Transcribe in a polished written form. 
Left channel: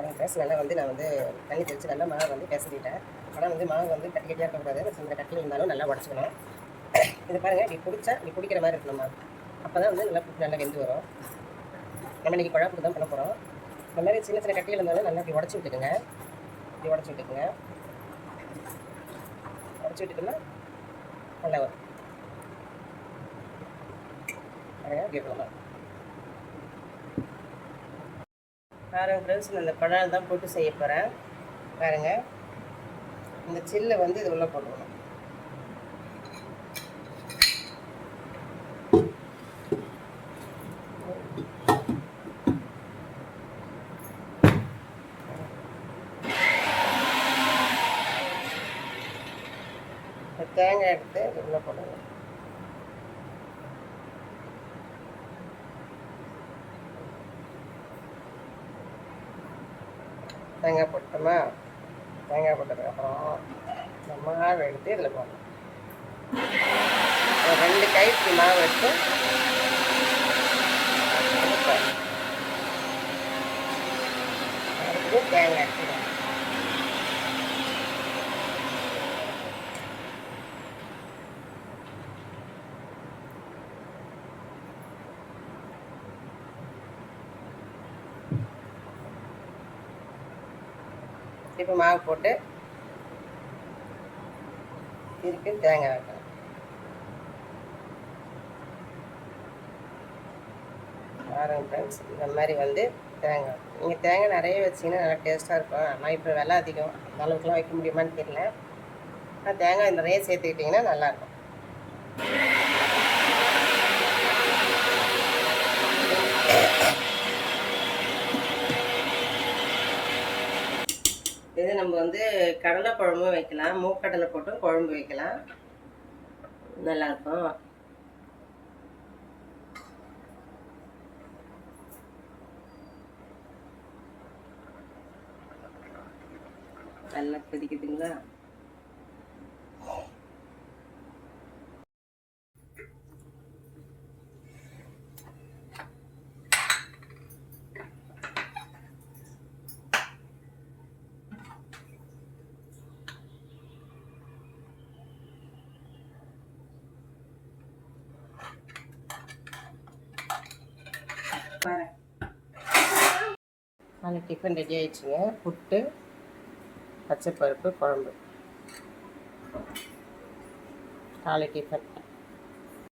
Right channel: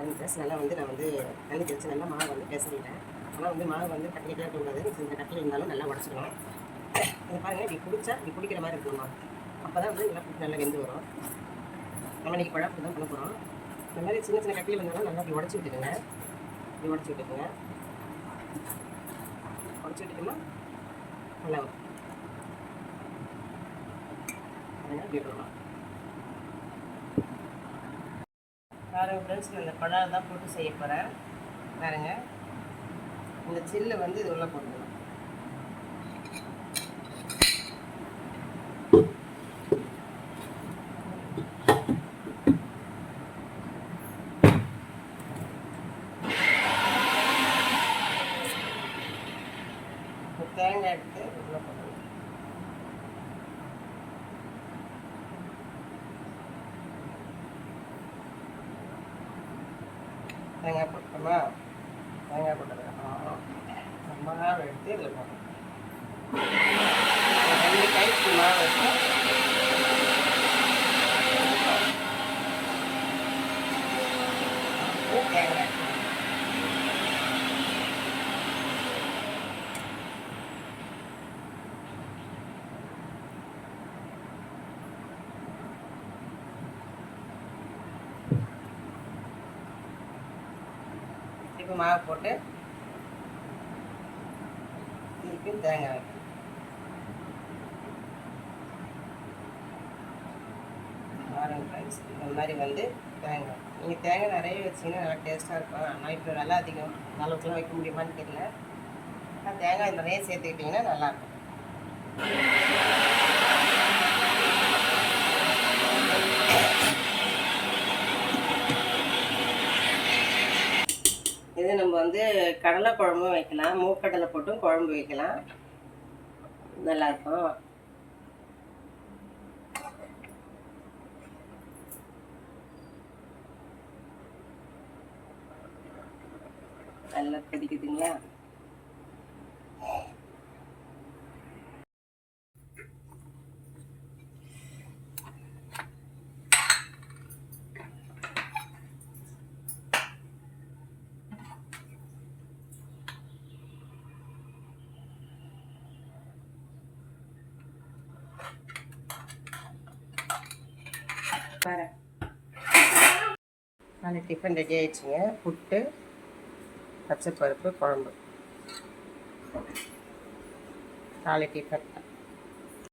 பாருங்கள் ஃப்ரெண்ட்ஸ், நல்லா வந்து நான் வந்து தண்ணி தெளித்து நல்லா மாவு வந்து பிசைஞ்சிட்டேன். ஆனால் வந்து மாவு வந்து கட்டிக்கிட்டே இருக்கக்கூடாது. இந்த கட்டியில் இருந்தாலும் நல்லா உடச்சிக்கணும். இதை பாருங்கள், இப்படி பிடிச்சா இப்படி பிடிக்கிற மாதிரி இருக்கணுமா, அப்போ தான் வந்து நல்லா வெந்து வரும். நம்ம இன்றைக்கி குழம்பு தான் பண்ண போகிறோம். நல்லாவே சின்ன சின்ன கட்டியில் இருந்தாலும் நல்லா இப்படி உடச்சி விட்டுக்குங்க. இப்படி உடச்சி விட்டுக்குங்க. உடச்சி விட்டுக்குன்னா நல்லா வரும். பாருங்கள், இப்படி இருக்கணுமா. பாருங்கள் ஃப்ரெண்ட்ஸ், நான் இந்த குழாய் தான் போட்டு செய்ய போகிறேன். பாருங்கள், இந்த சில்லை வந்து இது உள்ளே போட்டுக்கணும். தேங்காய் எடுத்து உள்ளே போடணும். தேங்காய் போட்டோமா, தேங்காய் போட்டதுக்கப்புறம் இந்த மாவு எடுத்து இதில் போடணும். 2 கைக்கு மாவு எடுத்து தேங்காய் எடுத்து இப்போ மாவு போட்டு இதுக்கு தேங்காய் வைக்கணும். பாருங்கள் ஃப்ரெண்ட்ஸ், இந்த மாதிரி வந்து தேங்காய் நீங்கள் தேங்காய் நிறைய வச்சிங்கன்னா நல்லா டேஸ்ட்டாக இருக்கும். ஆனால் இப்போ விலை அதிகம், அந்த அளவுக்குலாம் வைக்க முடியுமான்னு தெரியல. ஆனால் தேங்காய் நிறைய சேர்த்துக்கிட்டிங்கன்னா நல்லாயிருக்கும். இது நம்ம வந்து கடலை குழம்பும் வைக்கலாம், மூக்கடலை போட்டும் குழம்பு வைக்கலாம், நல்லாயிருக்கும். நல்லா கொதிக்குதுங்களா. நாளை டிஃபன் ரெடி ஆயிடுச்சுங்க. புட்டு, பச்சைப்பருப்பு குழம்பு, காலை டிஃபன்.